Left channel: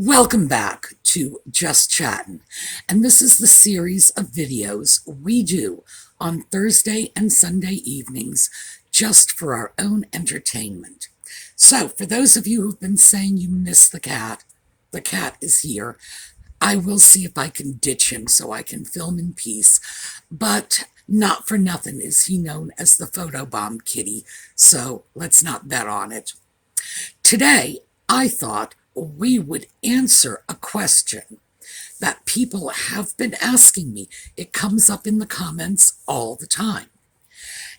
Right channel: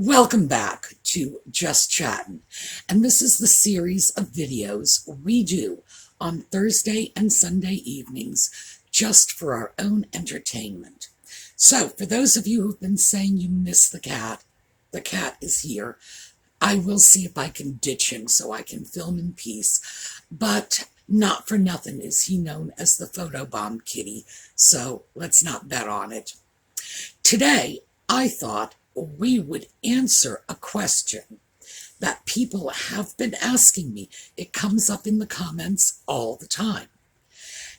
Welcome back to Just Chattin', and this is the series of videos we do on Thursday and Sunday evenings just for our own entertainment. So, for those of you who've been saying you miss the cat is here. I will see if I can ditch him so I can film in peace, but not for nothing is he known as the photobomb kitty, so let's not bet on it. Today, I thought we would answer a question that people have been asking me. It comes up in the comments all the time.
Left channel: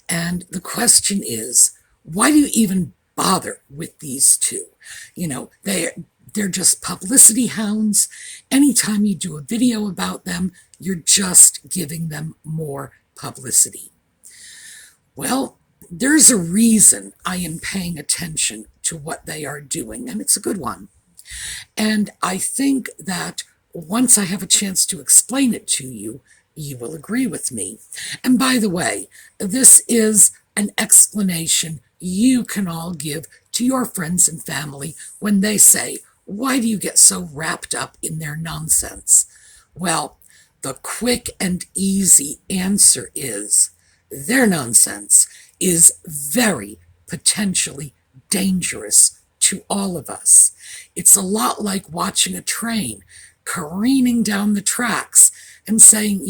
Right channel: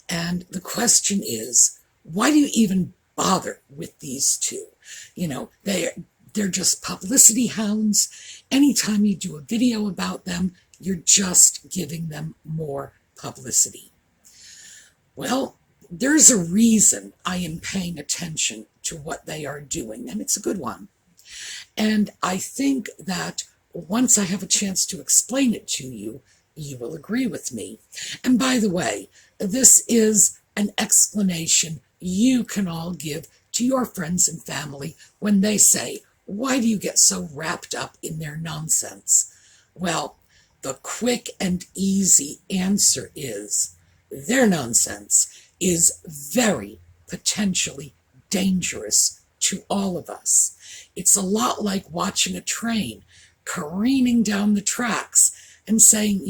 And the question is, why do you even bother with these two? You know, they're just publicity hounds. Anytime you do a video about them, you're just giving them more publicity. Well, there's a reason I am paying attention to what they are doing, and it's a good one. And I think that once I have a chance to explain it to you, you will agree with me. And by the way, this is an explanation you can all give to your friends and family when they say, "Why do you get so wrapped up in their nonsense?" Well, the quick and easy answer is their nonsense is very potentially dangerous to all of us. It's a lot like watching a train careening down the tracks and saying,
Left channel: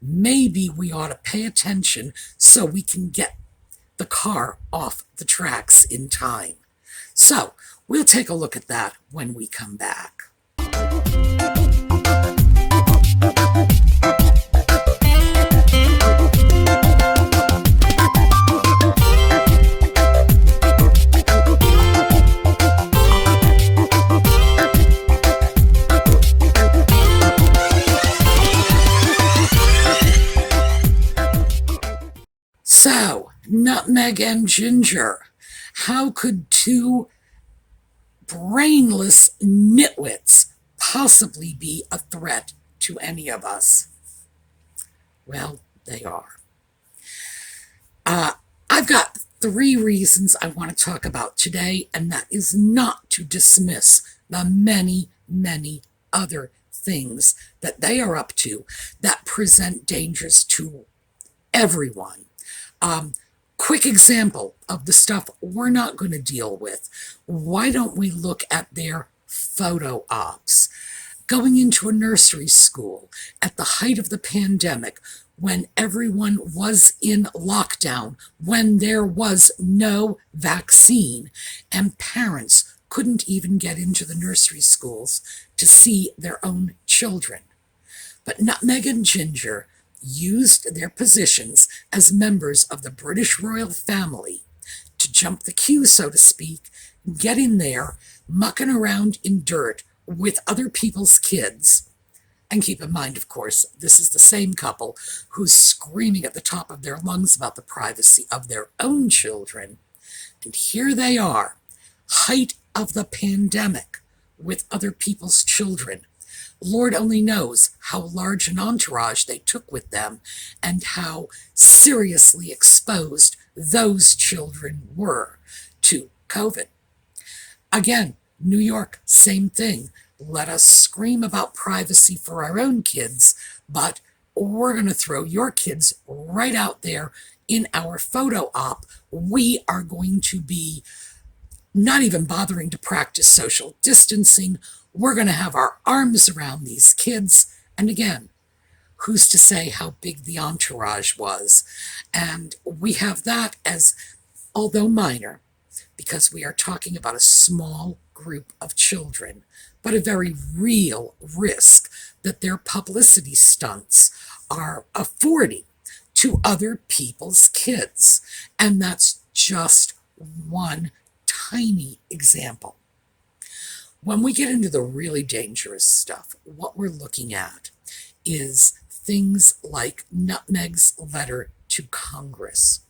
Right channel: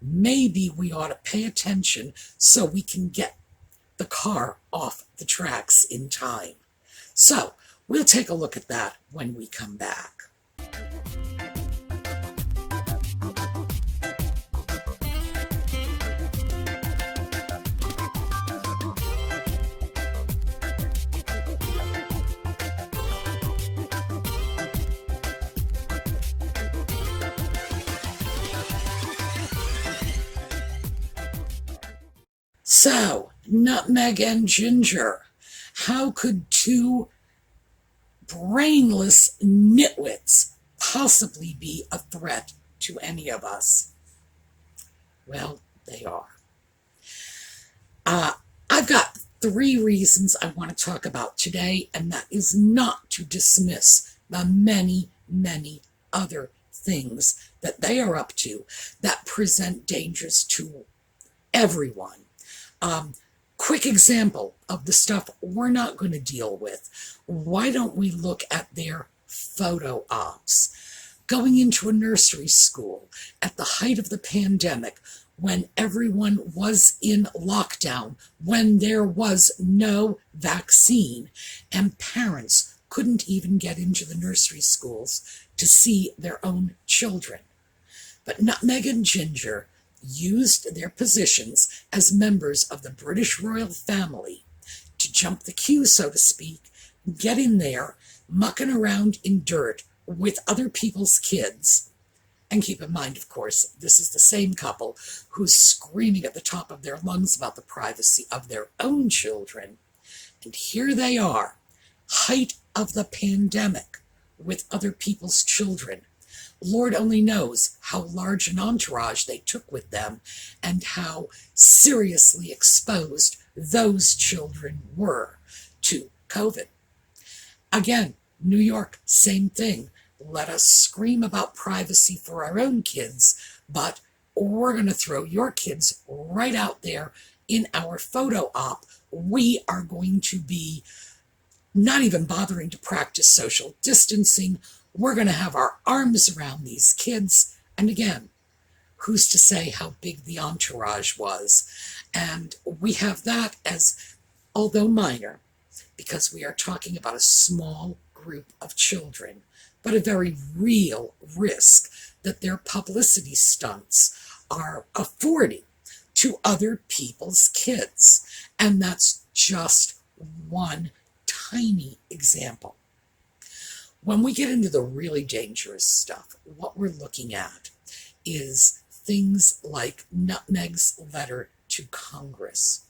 maybe we ought to pay attention so we can get the car off the tracks in time. So we'll take a look at that when we come back. So, nutmeg and ginger. How could two brainless nitwits possibly be a threat to any of us? Well, they are. I've got 3 reasons I want to talk about today, and that is not to dismiss the many, many other things that they are up to that present dangers to everyone. Quick example of the stuff we're not going to deal with. Why don't we look at their photo ops? Going into a nursery school at the height of the pandemic, when everyone was in lockdown, when there was no vaccine, and parents couldn't even get into the nursery schools to see their own children. But Nutmeg and Ginger used their positions as members of the British royal family to jump the queue, so to speak, get in there, mucking around in dirt with other people's kids. And keep in mind, of course, this is the same couple who's screaming at the top of their lungs about the privacy of their own children. And here they are, height of the pandemic, with other people's children. Lord only knows how large an entourage they took with them and how seriously exposed those children were to COVID. Again, New York, same thing. Let us scream about privacy for our own kids, but we're going to throw your kids right out there in our photo op. We are going to be not even bothering to practice social distancing. We're going to have our arms around these kids. And again, who's to say how big the entourage was? And we have that as, although minor, because we are talking about a small group of children, but a very real risk that their publicity stunts are affording to other people's kids. And that's just one tiny example. When we get into the really dangerous stuff, what we're looking at is things like Nutmeg's letter to Congress.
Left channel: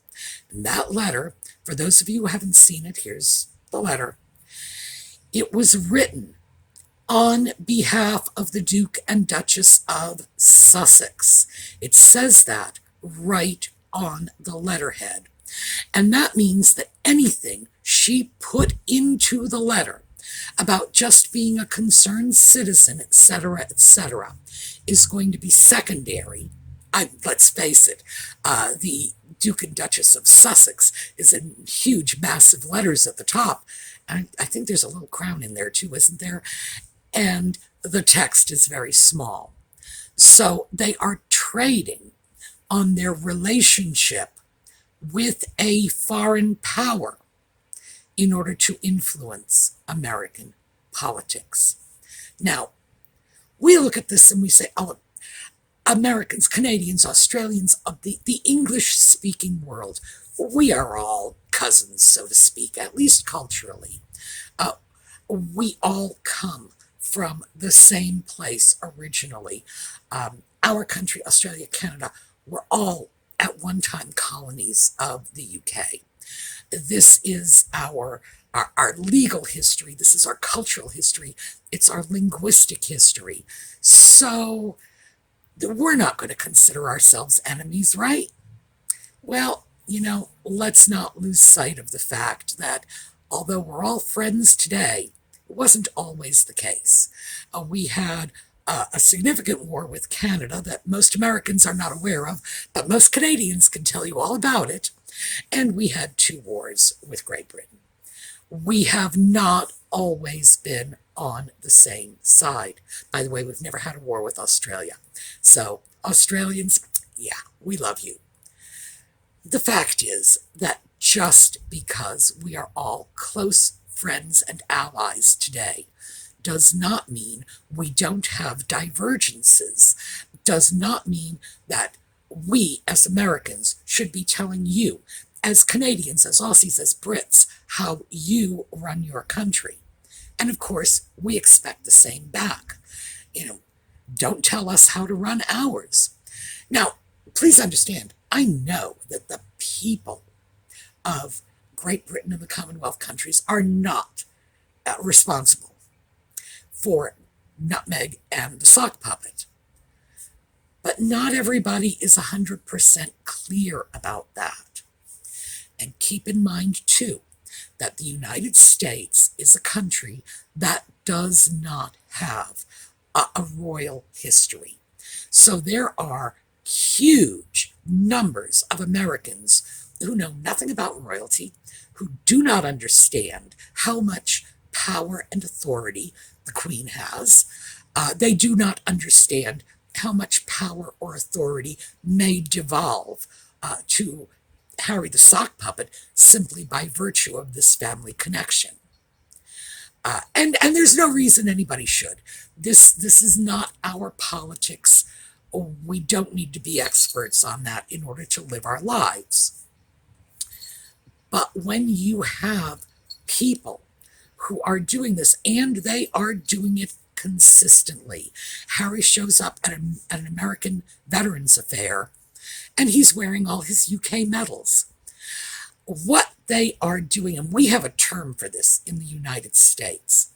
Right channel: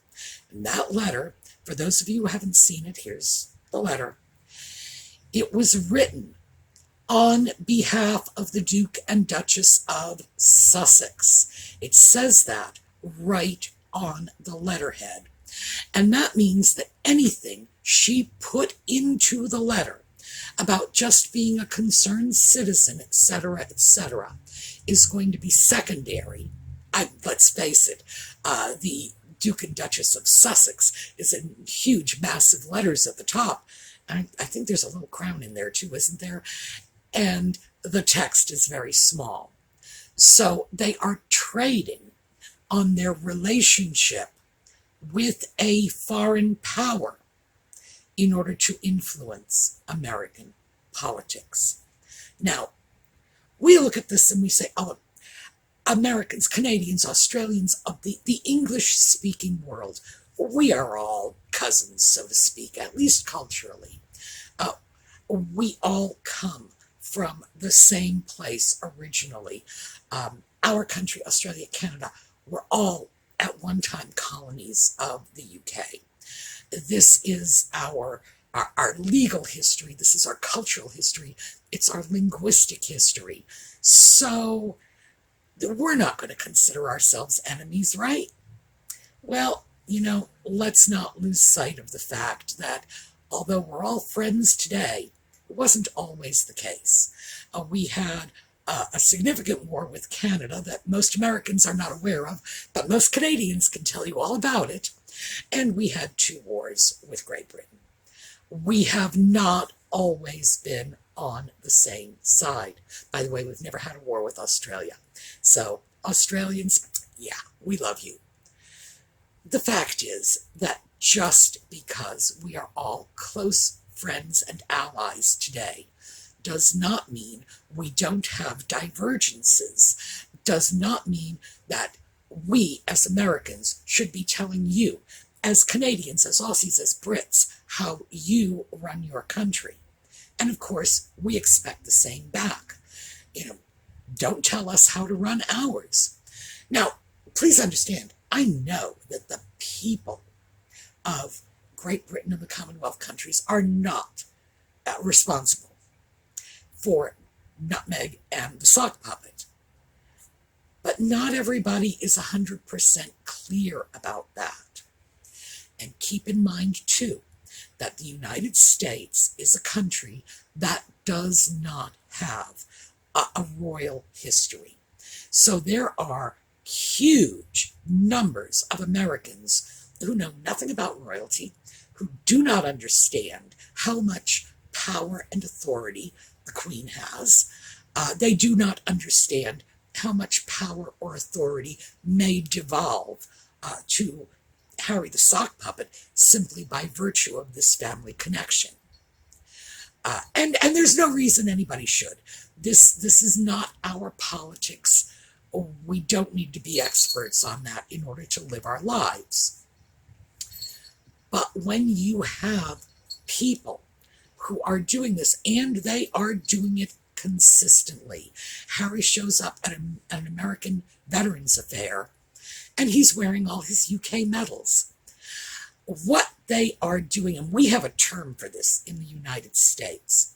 And that letter, for those of you who haven't seen it, here's the letter. It was written on behalf of the Duke and Duchess of Sussex. It says that right on the letterhead. And that means that anything she put into the letter about just being a concerned citizen, etc., is going to be secondary. Let's face it, the Duke and Duchess of Sussex is in huge, massive letters at the top. And I think there's a little crown in there too, isn't there? And the text is very small. So they are trading on their relationship with a foreign power in order to influence American politics. Now, we look at this and we say, oh, Americans, Canadians, Australians of the English-speaking world, we are all cousins, so to speak, at least culturally. Uh, we all come from the same place originally. Our country, Australia, Canada, were all at one time colonies of the UK. This is our legal history. This is our cultural history. It's our linguistic history. So we're not going to consider ourselves enemies, right? Well, let's not lose sight of the fact that although we're all friends today, it wasn't always the case. We had a significant war with Canada that most Americans are not aware of, but most Canadians can tell you all about it. And we had 2 wars with Great Britain. We have not always been on the same side. By the way, we've never had a war with Australia. So, Australians, yeah, we love you. The fact is that just because we are all close friends and allies today does not mean we don't have divergences, does not mean that we as Americans should be telling you, as Canadians, as Aussies, as Brits, how you run your country. And of course, we expect the same back. Don't tell us how to run ours. Now, please understand, I know that the people of Great Britain and the Commonwealth countries are not responsible for Nutmeg and the sock puppet. But not everybody is 100% clear about that. And keep in mind, too, that the United States is a country that does not have a royal history. So there are huge numbers of Americans who know nothing about royalty, who do not understand how much power and authority the Queen has. They do not understand how much power or authority may devolve to Harry the sock puppet simply by virtue of this family connection. And there's no reason anybody should. This is not our politics. We don't need to be experts on that in order to live our lives. But when you have people who are doing this, and they are doing it consistently. Harry shows up at an American Veterans Affair, and he's wearing all his UK medals. What they are doing, and we have a term for this in the United States.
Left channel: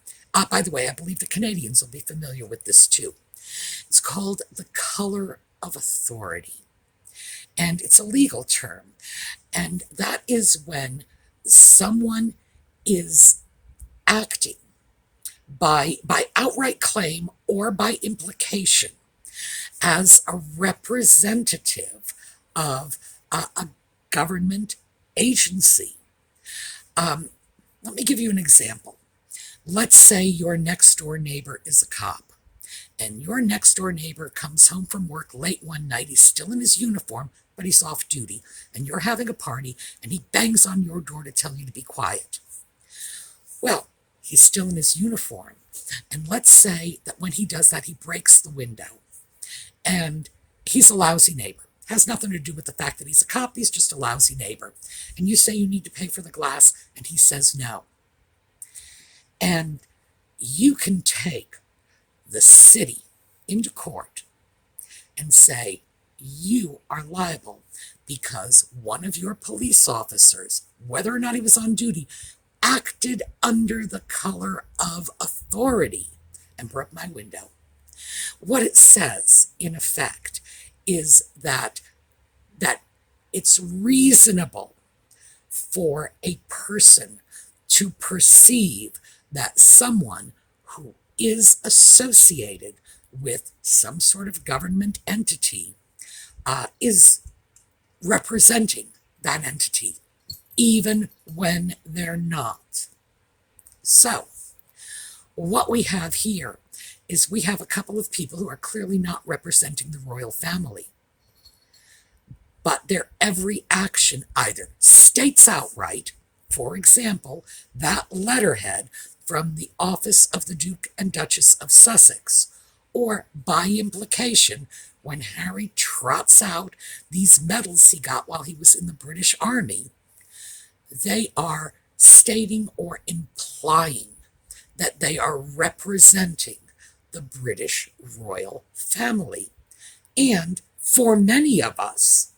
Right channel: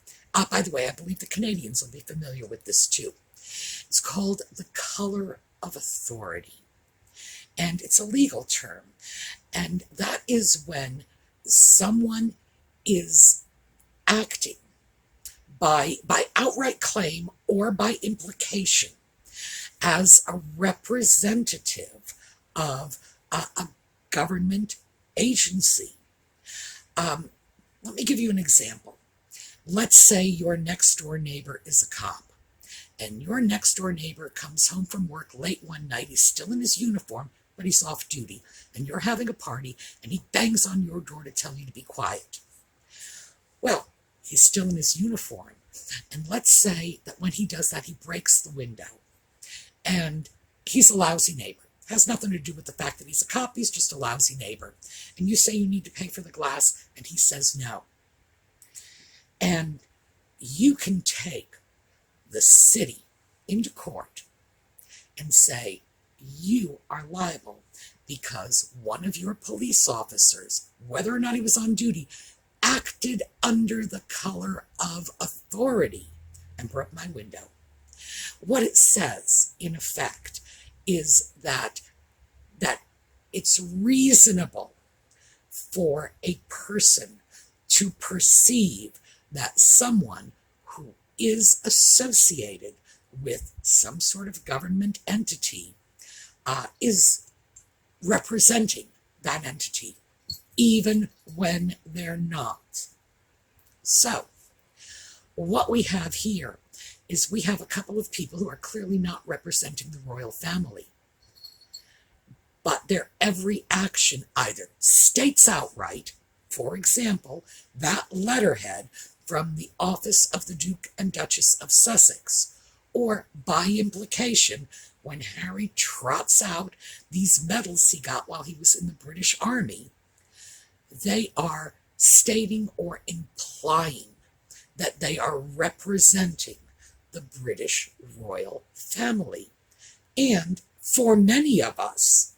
By the way, I believe the Canadians will be familiar with this too. It's called the color of authority. And it's a legal term. And that is when someone is acting by outright claim or by implication as a representative of a government agency. Let me give you an example. Let's say your next door neighbor is a cop, and your next door neighbor comes home from work late one night. He's still in his uniform, but he's off duty, and you're having a party, and he bangs on your door to tell you to be quiet. Well, he's still in his uniform, and let's say that when he does that, he breaks the window, and he's a lousy neighbor. Has nothing to do with the fact that he's a cop, he's just a lousy neighbor. And you say you need to pay for the glass, and he says no. And you can take the city into court and say, you are liable because one of your police officers, whether or not he was on duty, acted under the color of authority and broke my window. What it says, in effect, is that it's reasonable for a person to perceive that someone who is associated with some sort of government entity is representing that entity, even when they're not. So, what we have here is we have a couple of people who are clearly not representing the royal family, but their every action either states outright, for example, that letterhead from the office of the Duke and Duchess of Sussex, or by implication, when Harry trots out these medals he got while he was in the British Army, they are stating or implying that they are representing the British royal family. And for many of us,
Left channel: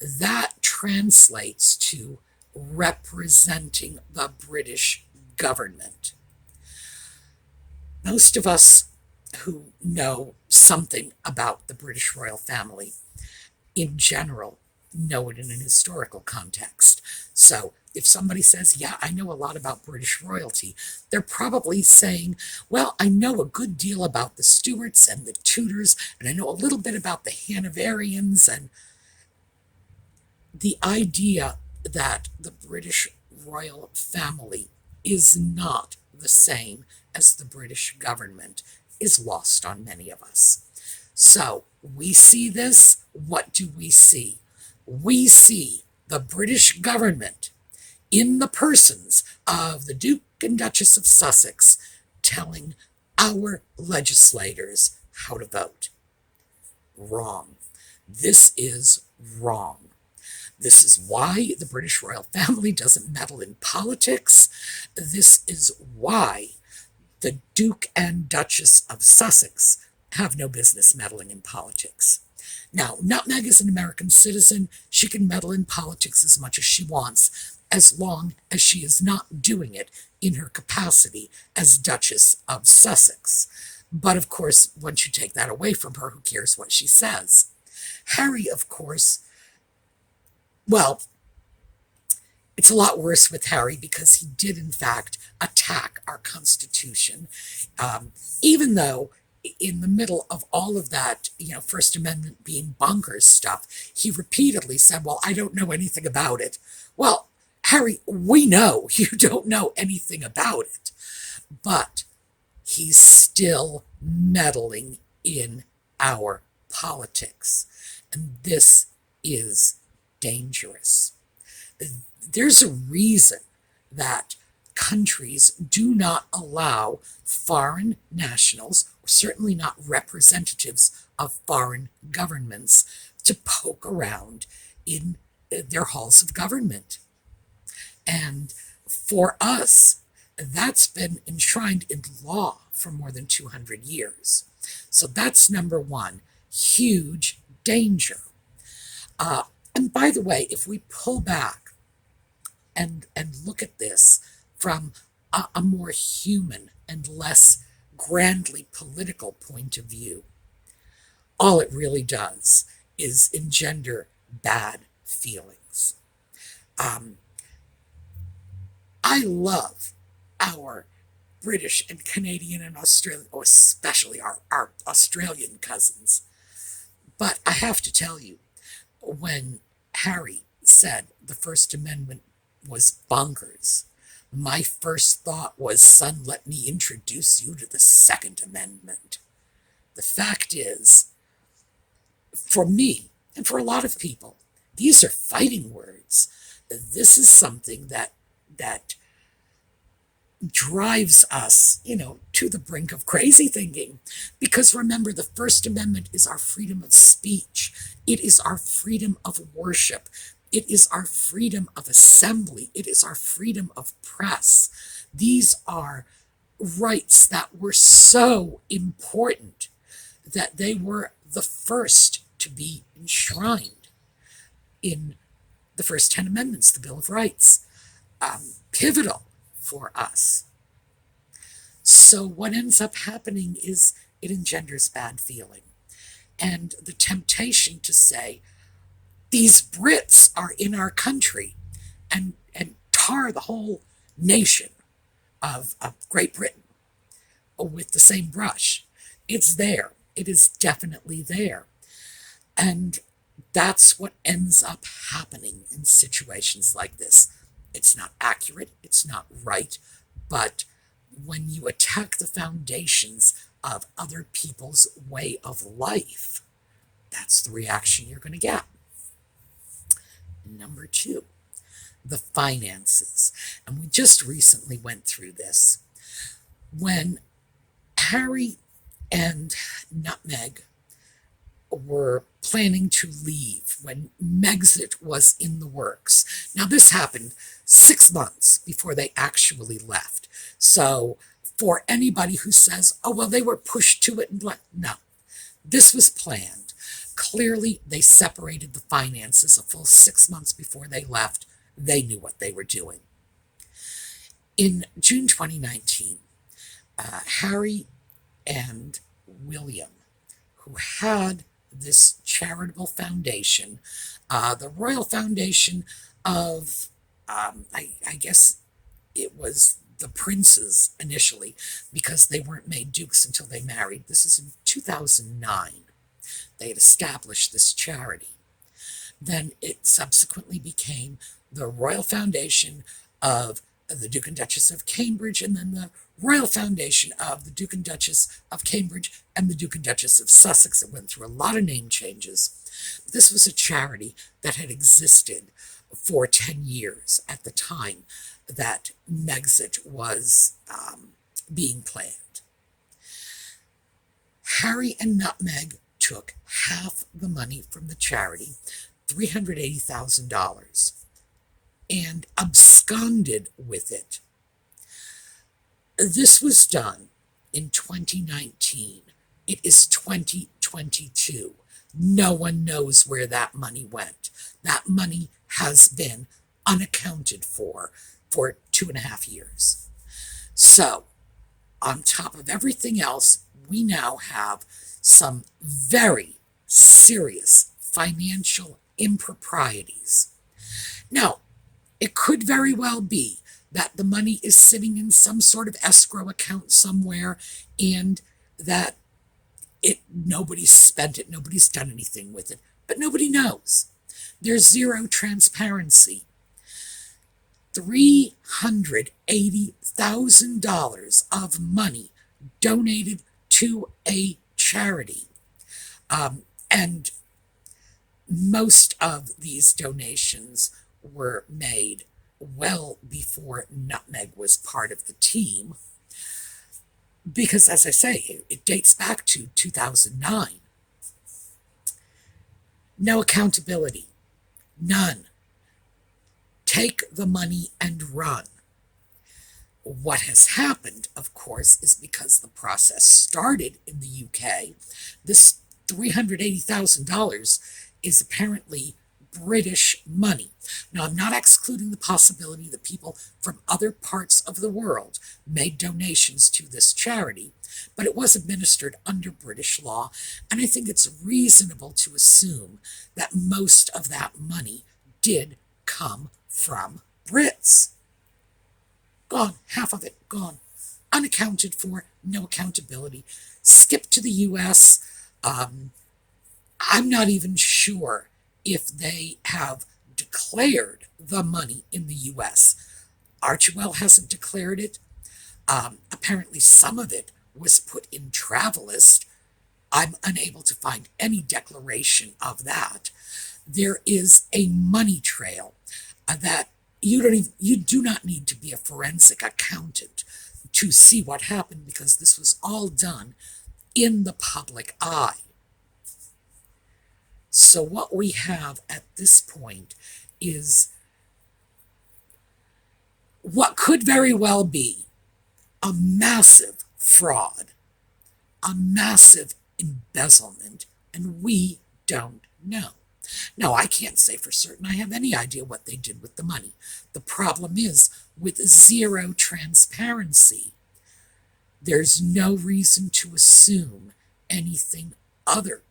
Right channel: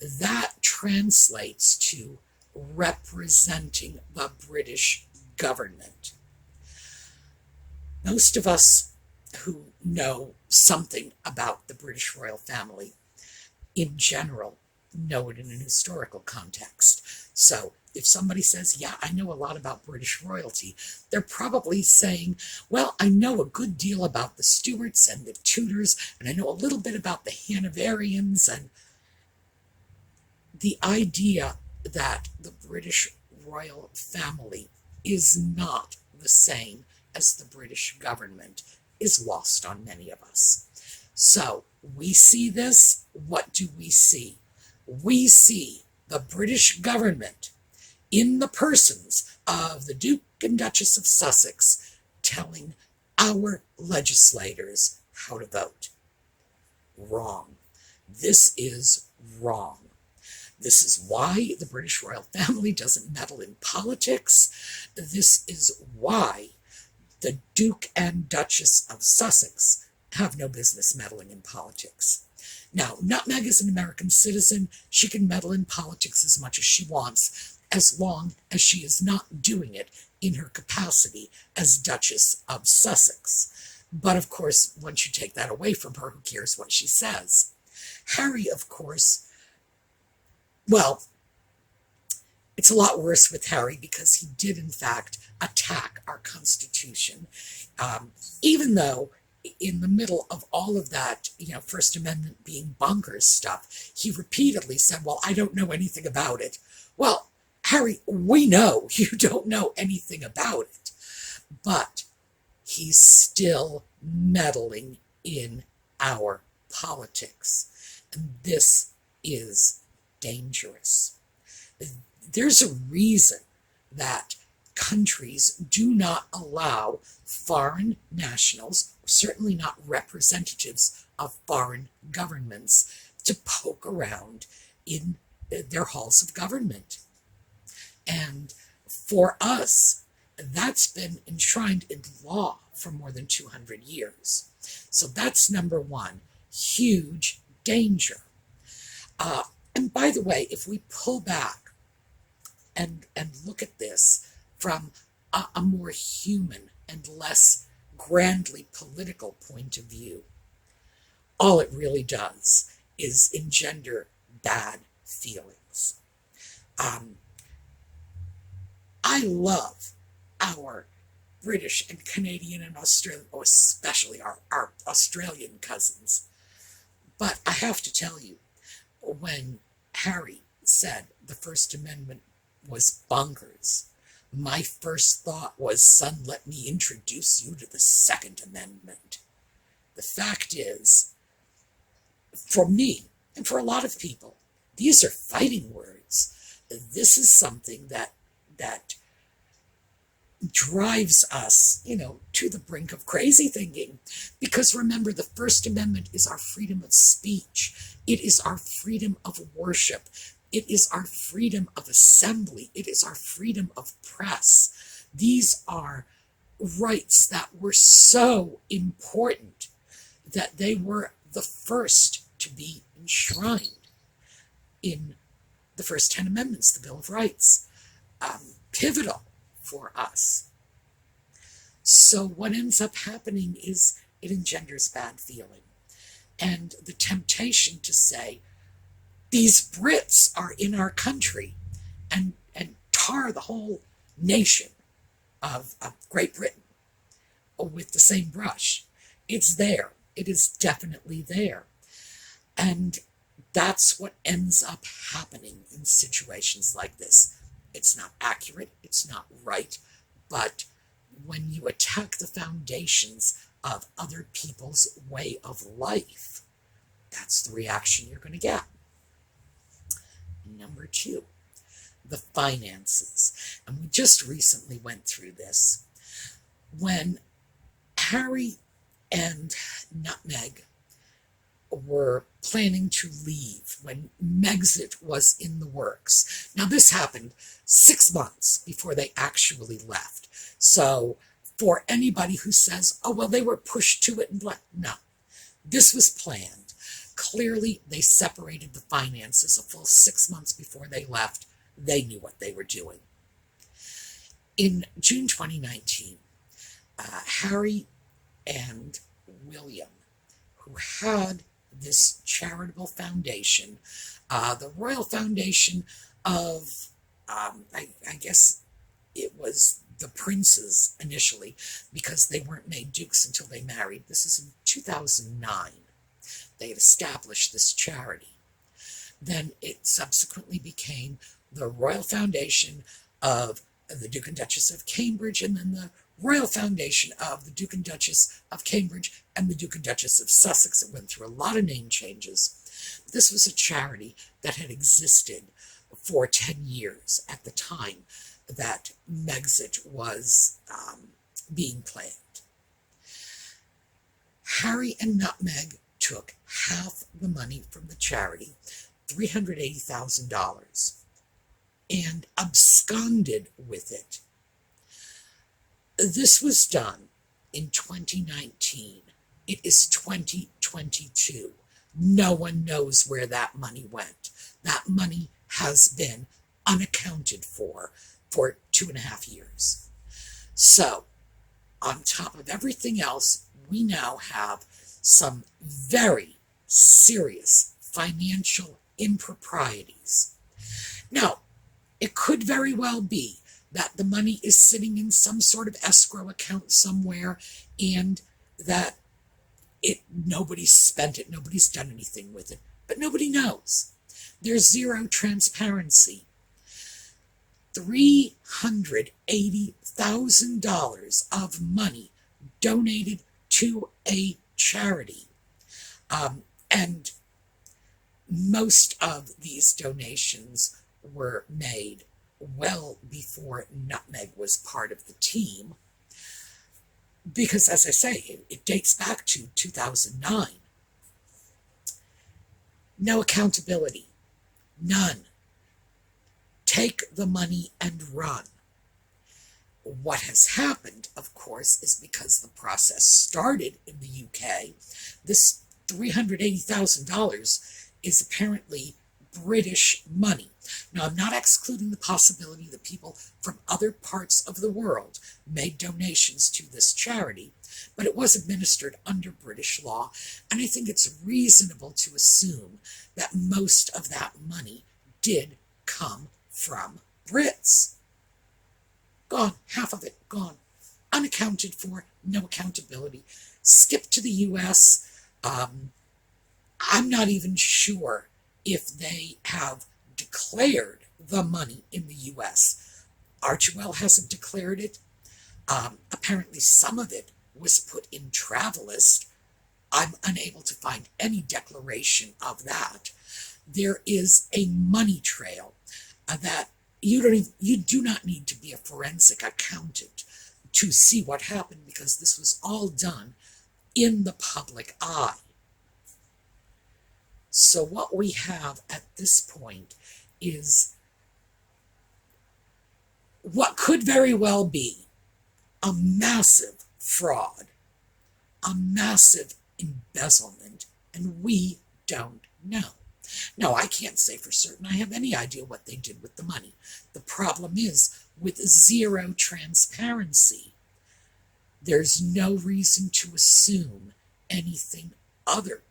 that translates to representing the British government. Most of us who know something about the British royal family in general know it in an historical context. So if somebody says, yeah, I know a lot about British royalty, they're probably saying, well, I know a good deal about the Stuarts and the Tudors, and I know a little bit about the Hanoverians, and the idea that the British royal family is not the same as the British government is lost on many of us. So we see this. What do we see? We see the British government in the persons of the Duke and Duchess of Sussex telling our legislators how to vote. Wrong. This is wrong. This is why the British royal family doesn't meddle in politics. This is why the Duke and Duchess of Sussex have no business meddling in politics. Now, Nutmeg is an American citizen. She can meddle in politics as much as she wants, as long as she is not doing it in her capacity as Duchess of Sussex. But of course, once you take that away from her, who cares what she says? Harry, of course, well, it's a lot worse with Harry because he did, in fact, attack our Constitution, even though in the middle of all of that, First Amendment being bonkers stuff, he repeatedly said, well, I don't know anything about it. Well, Harry, we know you don't know anything about it, but he's still meddling in our politics, and this is dangerous. There's a reason that countries do not allow foreign nationals, certainly not representatives of foreign governments, to poke around in their halls of government. And for us, that's been enshrined in law for more than 200 years. So that's number one, huge danger. And by the way, if we pull back and look at this from a more human and less grandly political point of view, all it really does is engender bad feelings. I love our British and Canadian and Australian, or especially our Australian cousins. But I have to tell you, when Harry said the First Amendment was bonkers, my first thought was, son, let me introduce you to the Second Amendment. The fact is, for me, and for a lot of people, these are fighting words. This is something that drives us, to the brink of crazy thinking. Because remember, the First Amendment is our freedom of speech. It is our freedom of worship. It is our freedom of assembly. It is our freedom of press. These are rights that were so important that they were the first to be enshrined in the first 10 amendments, the Bill of Rights. Pivotal for us. So what ends up happening is it engenders bad feeling. And the temptation to say, these Brits are in our country, and tar the whole nation. of Great Britain with the same brush. It's there. It is definitely there. And that's what ends up happening in situations like this. It's not accurate, it's not right, but when you attack the foundations of other people's way of life, that's the reaction you're going to get. Number two, the finances. And we just recently went through this. When Harry and Nutmeg were planning to leave, when Megxit was in the works. Now, this happened 6 months before they actually left. So, for anybody who says, oh, well, they were pushed to it and no, this was planned. Clearly, they separated the finances a full 6 months before they left. They knew what they were doing. In June 2019, Harry and William, who had this charitable foundation, the Royal Foundation of, I guess it was the princes initially, because they weren't made dukes until they married. This is in 2009. They had established this charity. Then it subsequently became the Royal Foundation of the Duke and Duchess of Cambridge, and then the Royal Foundation of the Duke and Duchess of Cambridge and the Duke and Duchess of Sussex. It went through a lot of name changes. This was a charity that had existed for 10 years at the time that Megxit was being planned. Harry and Nutmeg took half the money from the charity, $380,000, and absconded with it. This was done in 2019. It is 2022. No one knows where that money went. That money has been unaccounted for 2.5 years. So, on top of everything else, we now have some very serious financial improprieties. Now, it could very well be that the money is sitting in some sort of escrow account somewhere and that nobody's spent it, nobody's done anything with it, but nobody knows. There's zero transparency. $380,000 of money donated to a charity. And most of these donations were made well before Nutmeg was part of the team, because, as I say, it dates back to 2009. No accountability. None. Take the money and run. What has happened, of course, is because the process started in the UK, this $380,000 is apparently British money. Now, I'm not excluding the possibility that people from other parts of the world made donations to this charity, but it was administered under British law, and I think it's reasonable to assume that most of that money did come from Brits. Gone, half of it gone, unaccounted for, no accountability. Skip to the US. I'm not even sure if they have declared the money in the US. Archewell hasn't declared it. Apparently some of it was put in Travelist. I'm unable to find any declaration of that. There is a money trail that you do not need to be a forensic accountant to see what happened, because this was all done in the public eye. So what we have at this point is what could very well be a massive fraud, a massive embezzlement, and we don't know. Now, I can't say for certain I have any idea what they did with the money. The problem is, with zero transparency, there's no reason to assume anything other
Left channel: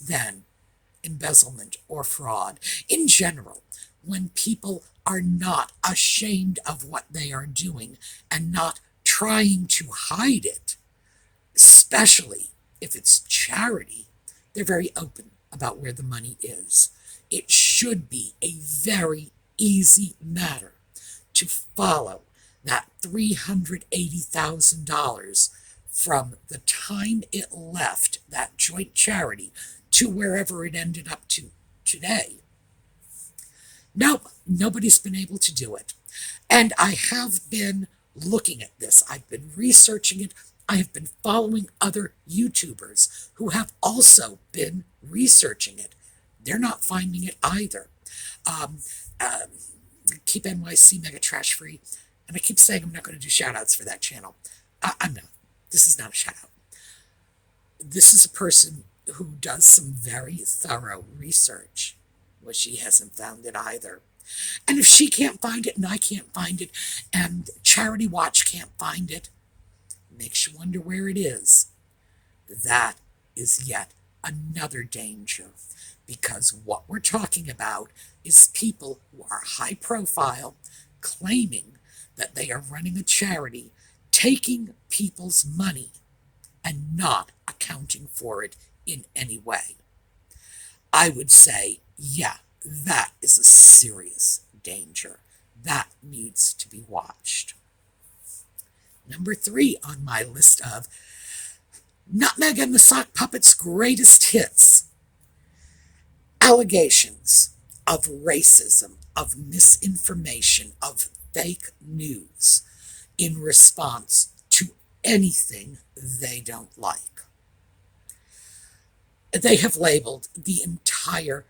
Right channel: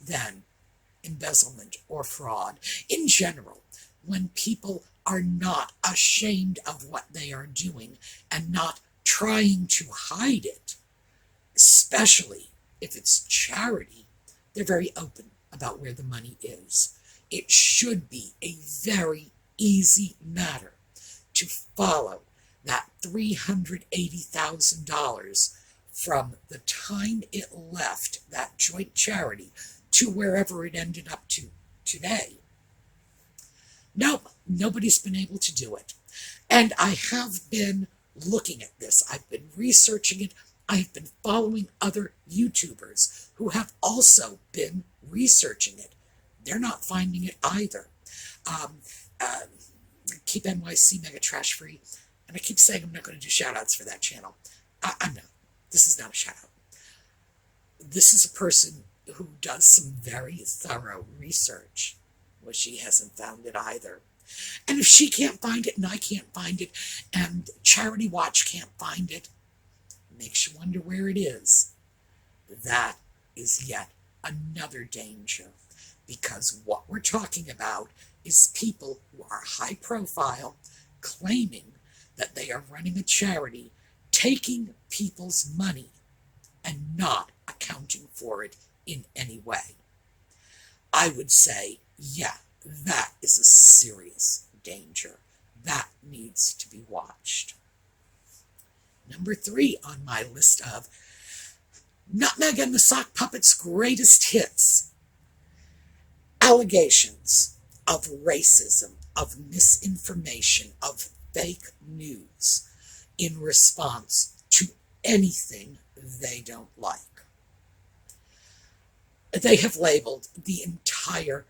than embezzlement or fraud. In general, when people are not ashamed of what they are doing and not trying to hide it, especially if it's charity, they're very open about where the money is. It should be a very easy matter to follow that $380,000 from the time it left that joint charity to wherever it ended up to today. Nope, nobody's been able to do it. And I have been looking at this. I've been researching it. I have been following other YouTubers who have also been researching it. They're not finding it either. Um, keep NYC Mega Trash Free. And I keep saying I'm not going to do shout outs for that channel. I'm not. This is not a shout out. This is a person who does some very thorough research. Well, she hasn't found it either. And if she can't find it and I can't find it and Charity Watch can't find it, makes you wonder where it is. That is yet another danger, because what we're talking about is people who are high profile, claiming that they are running a charity, taking people's money and not accounting for it in any way. I would say, yeah, that is a serious danger. That needs to be watched. Number 3 on my list of Nutmeg and the Sock Puppet's greatest hits: allegations of racism, of misinformation, of fake news in response to anything they don't like. They have labeled the entire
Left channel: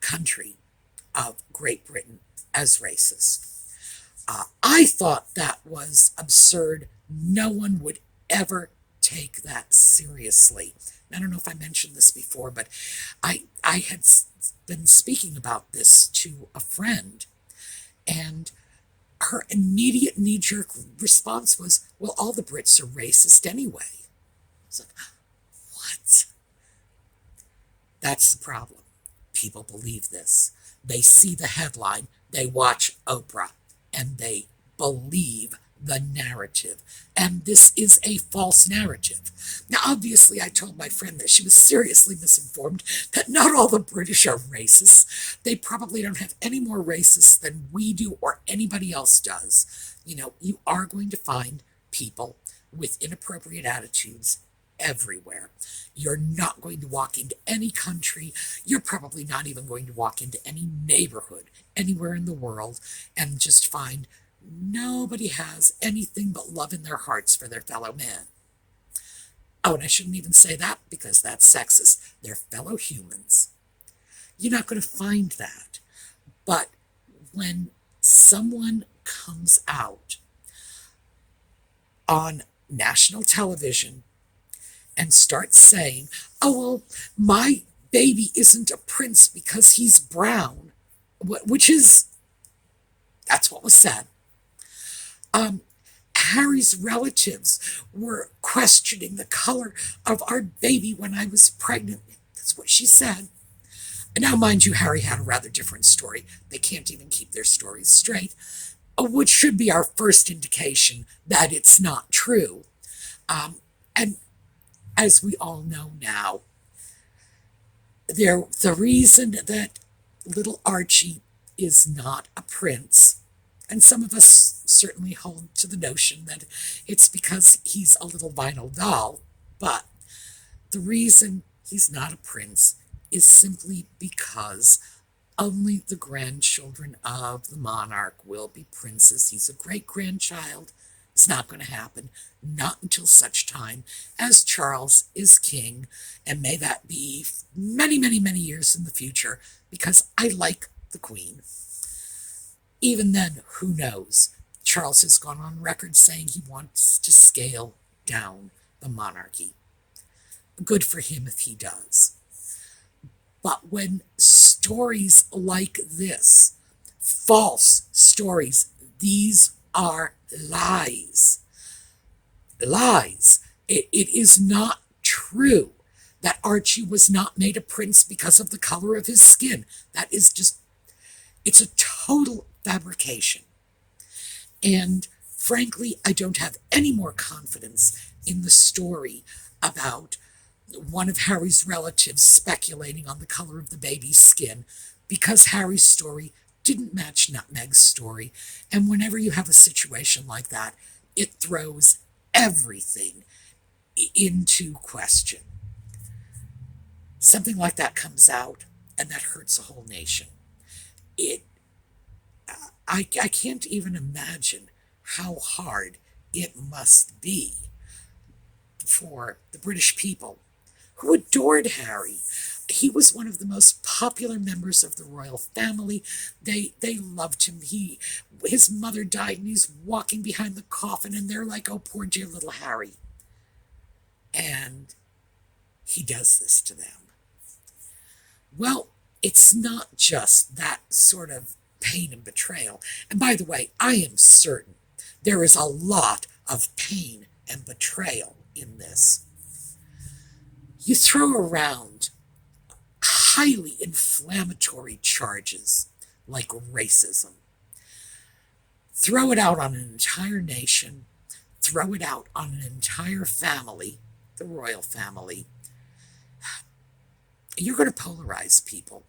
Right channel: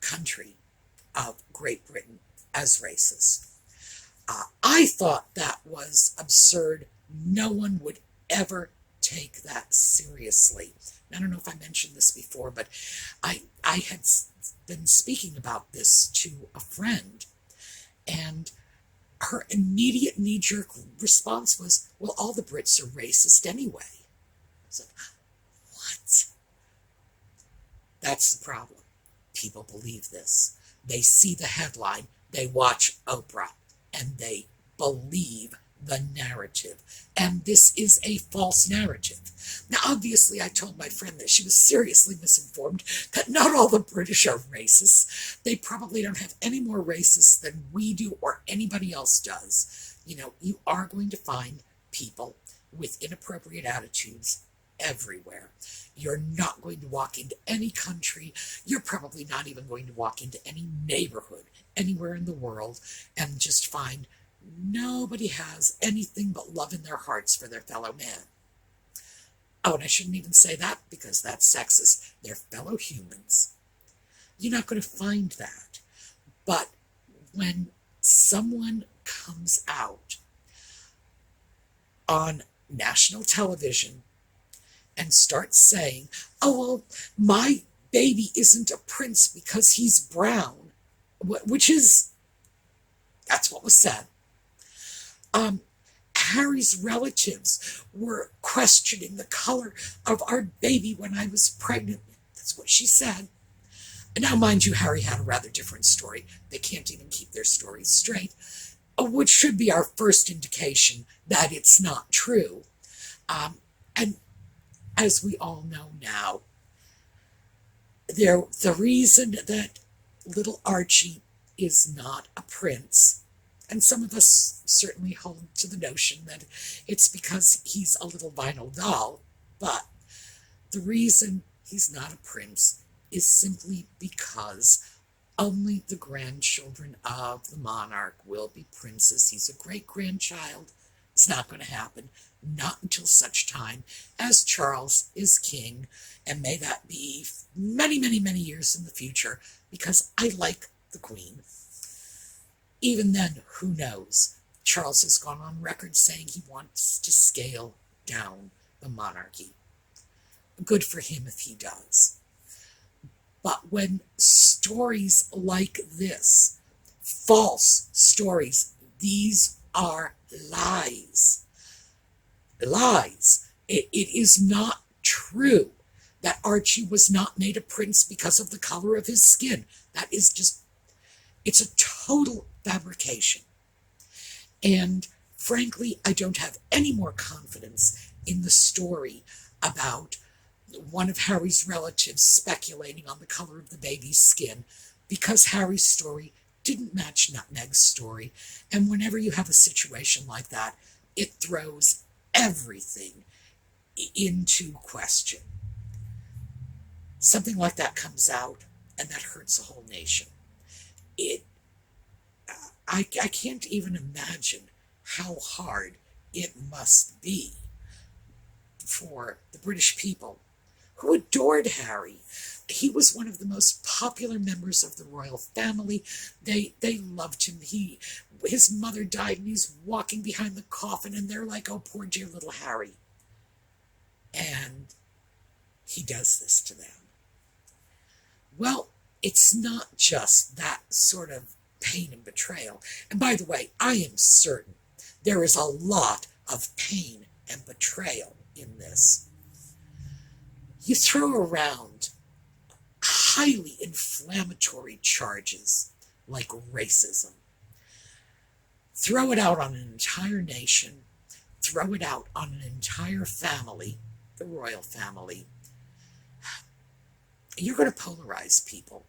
country of Great Britain as racist. I thought that was absurd. No one would ever take that seriously. I don't know if I mentioned this before, but I had been speaking about this to a friend, and her immediate knee-jerk response was, well, all the Brits are racist anyway. I was like, what? That's the problem. People believe this. They see the headline, they watch Oprah, and they believe the narrative. And this is a false narrative. Now, obviously, I told my friend that she was seriously misinformed, that not all the British are racists. They probably don't have any more racists than we do or anybody else does. You know, you are going to find people with inappropriate attitudes everywhere. You're not going to walk into any country. You're probably not even going to walk into any neighborhood anywhere in the world and just find nobody has anything but love in their hearts for their fellow man. Oh, and I shouldn't even say that because that's sexist. They're fellow humans. You're not going to find that. But when someone comes out on national television and starts saying, oh, well, my baby isn't a prince because he's brown, which is, that's what was said. Harry's relatives were questioning the color of our baby when I was pregnant. That's what she said. And now, mind you, Harry had a rather different story. They can't even keep their stories straight, which should be our first indication that it's not true. And as we all know now, the reason that little Archie is not a prince, and some of us certainly hold to the notion that it's because he's a little vinyl doll, but the reason he's not a prince is simply because only the grandchildren of the monarch will be princes. He's a great-grandchild. It's not going to happen, not until such time as Charles is king, and may that be many, many, many years in the future, because I like the Queen. Even then, who knows? Charles has gone on record saying he wants to scale down the monarchy. Good for him if he does. But when stories like this, false stories, these are lies. Lies. It is not true that Archie was not made a prince because of the color of his skin. That is just, it's a total fabrication. And frankly, I don't have any more confidence in the story about one of Harry's relatives speculating on the color of the baby's skin, because Harry's story didn't match Nutmeg's story. And whenever you have a situation like that, it throws everything into question. Something like that comes out, and that hurts a whole nation. It, I can't even imagine how hard it must be for the British people who adored Harry. He was one of the most popular members of the royal family. They loved him. His mother died, and he's walking behind the coffin, and they're like, "Oh, poor dear little Harry." And he does this to them. Well, it's not just that sort of pain and betrayal. And by the way, I am certain there is a lot of pain and betrayal in this. You throw around highly inflammatory charges like racism. Throw it out on an entire nation, throw it out on an entire family, the royal family. You're going to polarize people.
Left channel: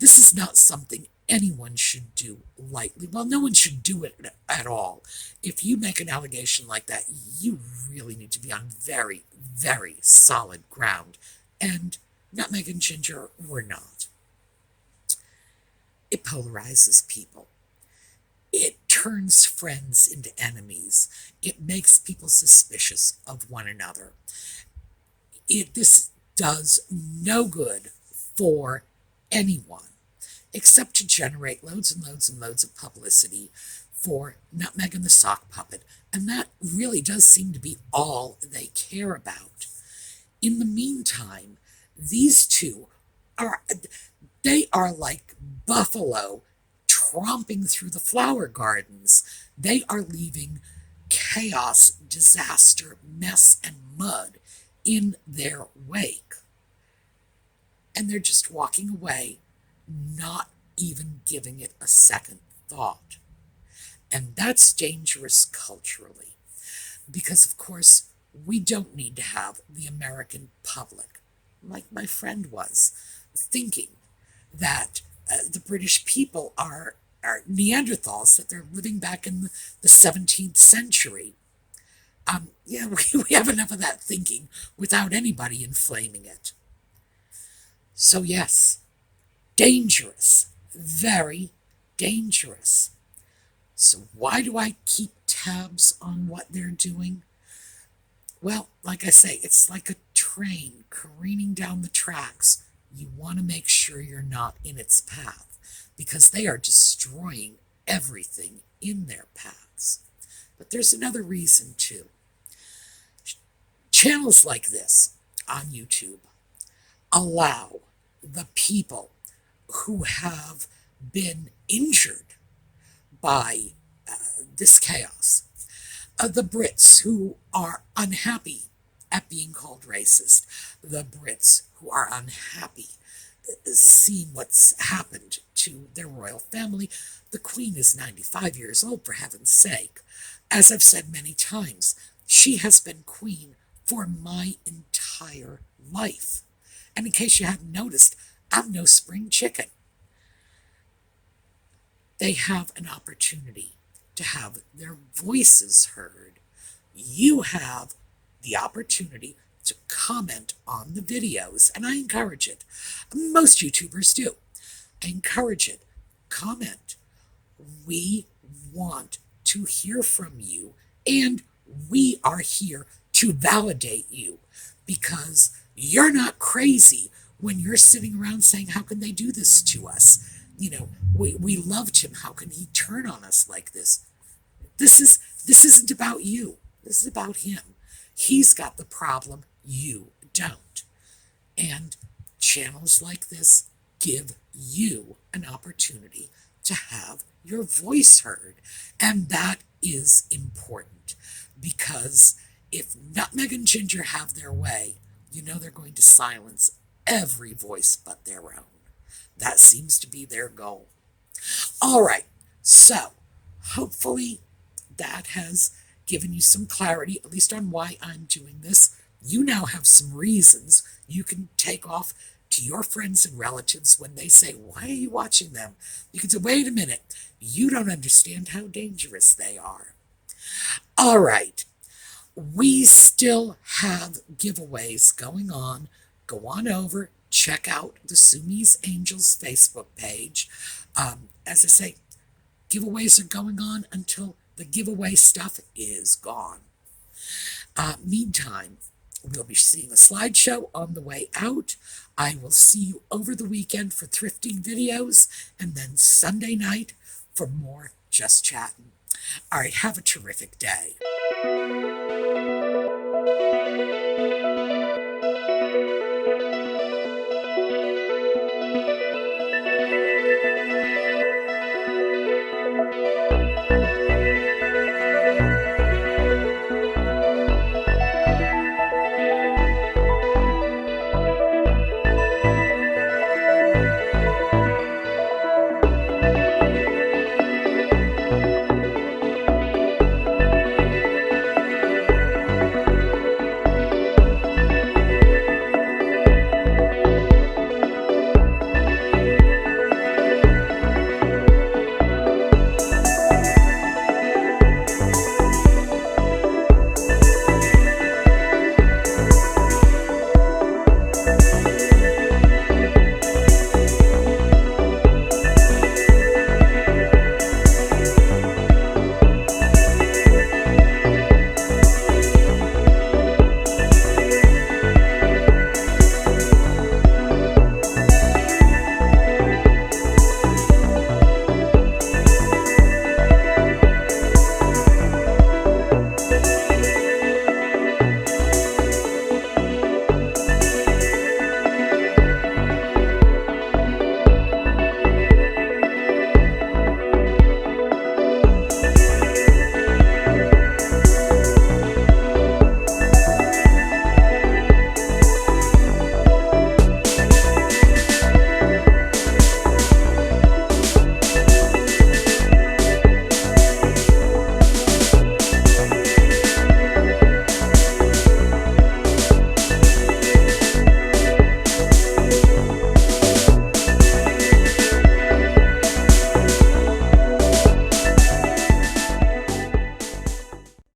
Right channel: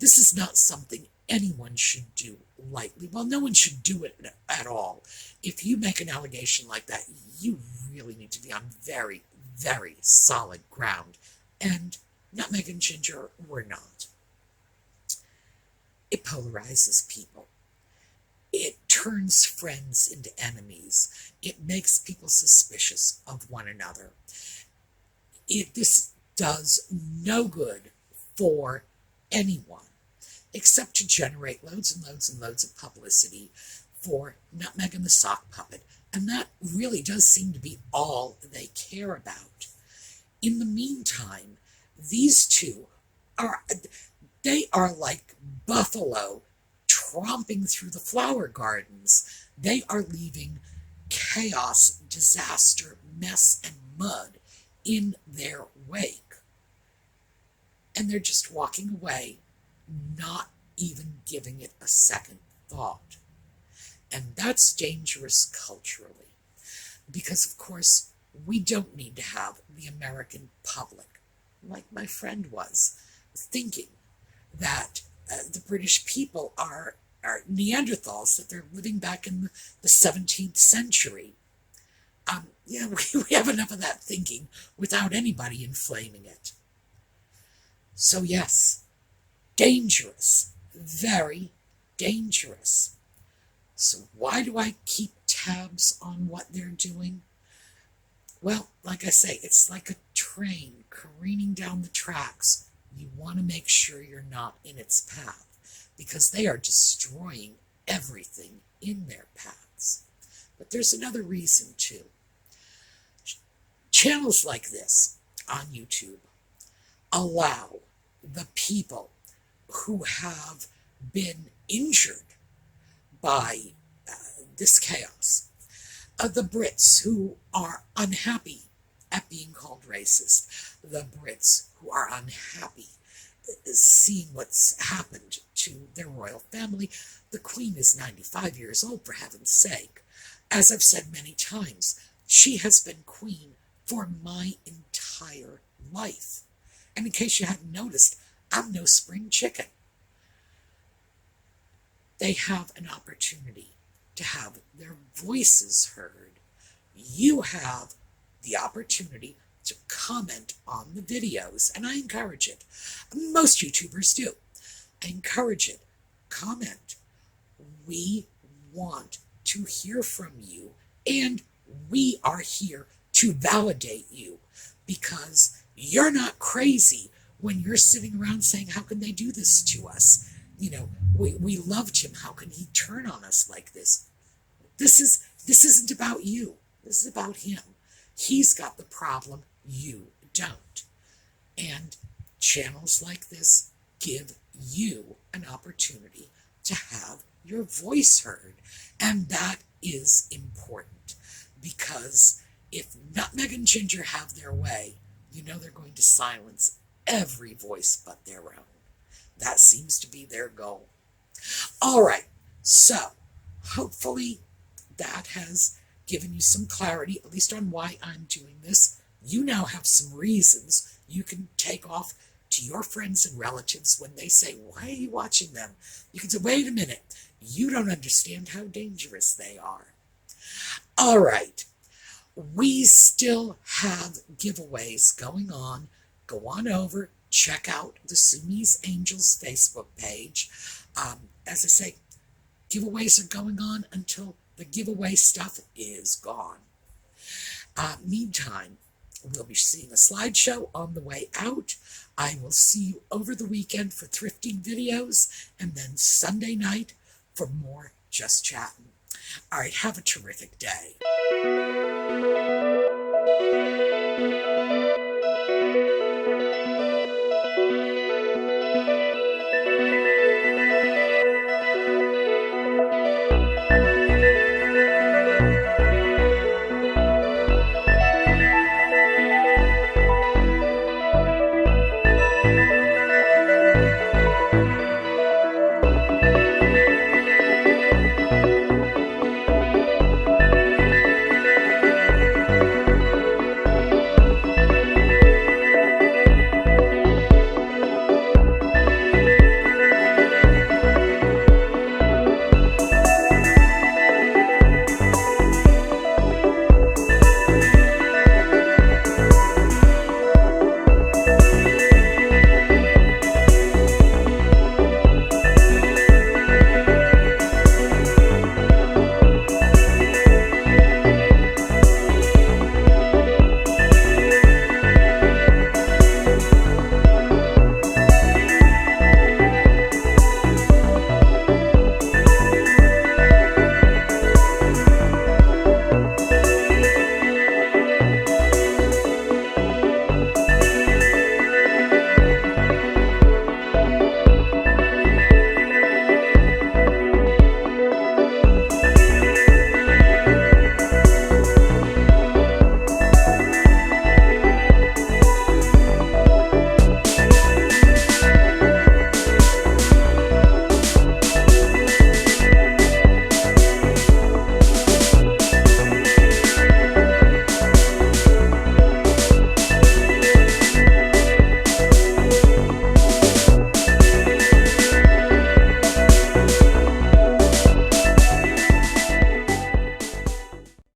This is not something anyone should do lightly. Well, no one should do it at all. If you make an allegation like that, you really need to be on very, very solid ground. And Nutmeg and Ginger were not. It polarizes people. It turns friends into enemies. It makes people suspicious of one another. This does no good for anyone except to generate loads and loads and loads of publicity for Nutmeg and the Sock Puppet. And that really does seem to be all they care about. In the meantime, these two they are like buffalo tromping through the flower gardens. They are leaving chaos, disaster, mess, and mud in their wake. And they're just walking away, not even giving it a second thought. And that's dangerous culturally, because of course we don't need to have the American public, like my friend was, thinking that the British people are Neanderthals, that they're living back in the 17th century. Yeah, we have enough of that thinking without anybody inflaming it. So yes, dangerous, very dangerous. So why do I keep tabs on what they're doing? Well, like I say, it's like a train careening down the tracks. You want to make sure you're not in its path, because they are destroying everything in their paths. But there's another reason too. Channels like this on YouTube allow the people who have been injured by this chaos, the Brits who are unhappy at being called racist, the Brits who are unhappy seeing what's happened to their royal family. The Queen is 95 years old, for heaven's sake. As I've said many times, she has been Queen for my entire life. And in case you hadn't noticed, I'm no spring chicken. They have an opportunity to have their voices heard. You have the opportunity to comment on the videos, and I encourage it. Most YouTubers do. I encourage it. Comment. We want to hear from you, and we are here to validate you, because you're not crazy when you're sitting around saying, how can they do this to us? You know, we loved him. How can he turn on us like this? This isn't about you. This is about him. He's got the problem. You don't. And channels like this give you an opportunity to have your voice heard. And that is important, because if Nutmeg and Ginger have their way, you know they're going to silence every voice but their own. That seems to be their goal. All right, So, hopefully, that has given you some clarity, at least on why I'm doing this. You now have some reasons you can take off to your friends and relatives when they say, "Why are you watching them?" You can say, "Wait a minute, you don't understand how dangerous they are." All right, we still have giveaways going on. Go on over, check out the Sumi's Angels Facebook page. As I say, giveaways are going on until the giveaway stuff is gone. Meantime, we'll be seeing a slideshow on the way out. I will see you over the weekend for thrifting videos, and then Sunday night for more Just Chattin'. All right, have a terrific day.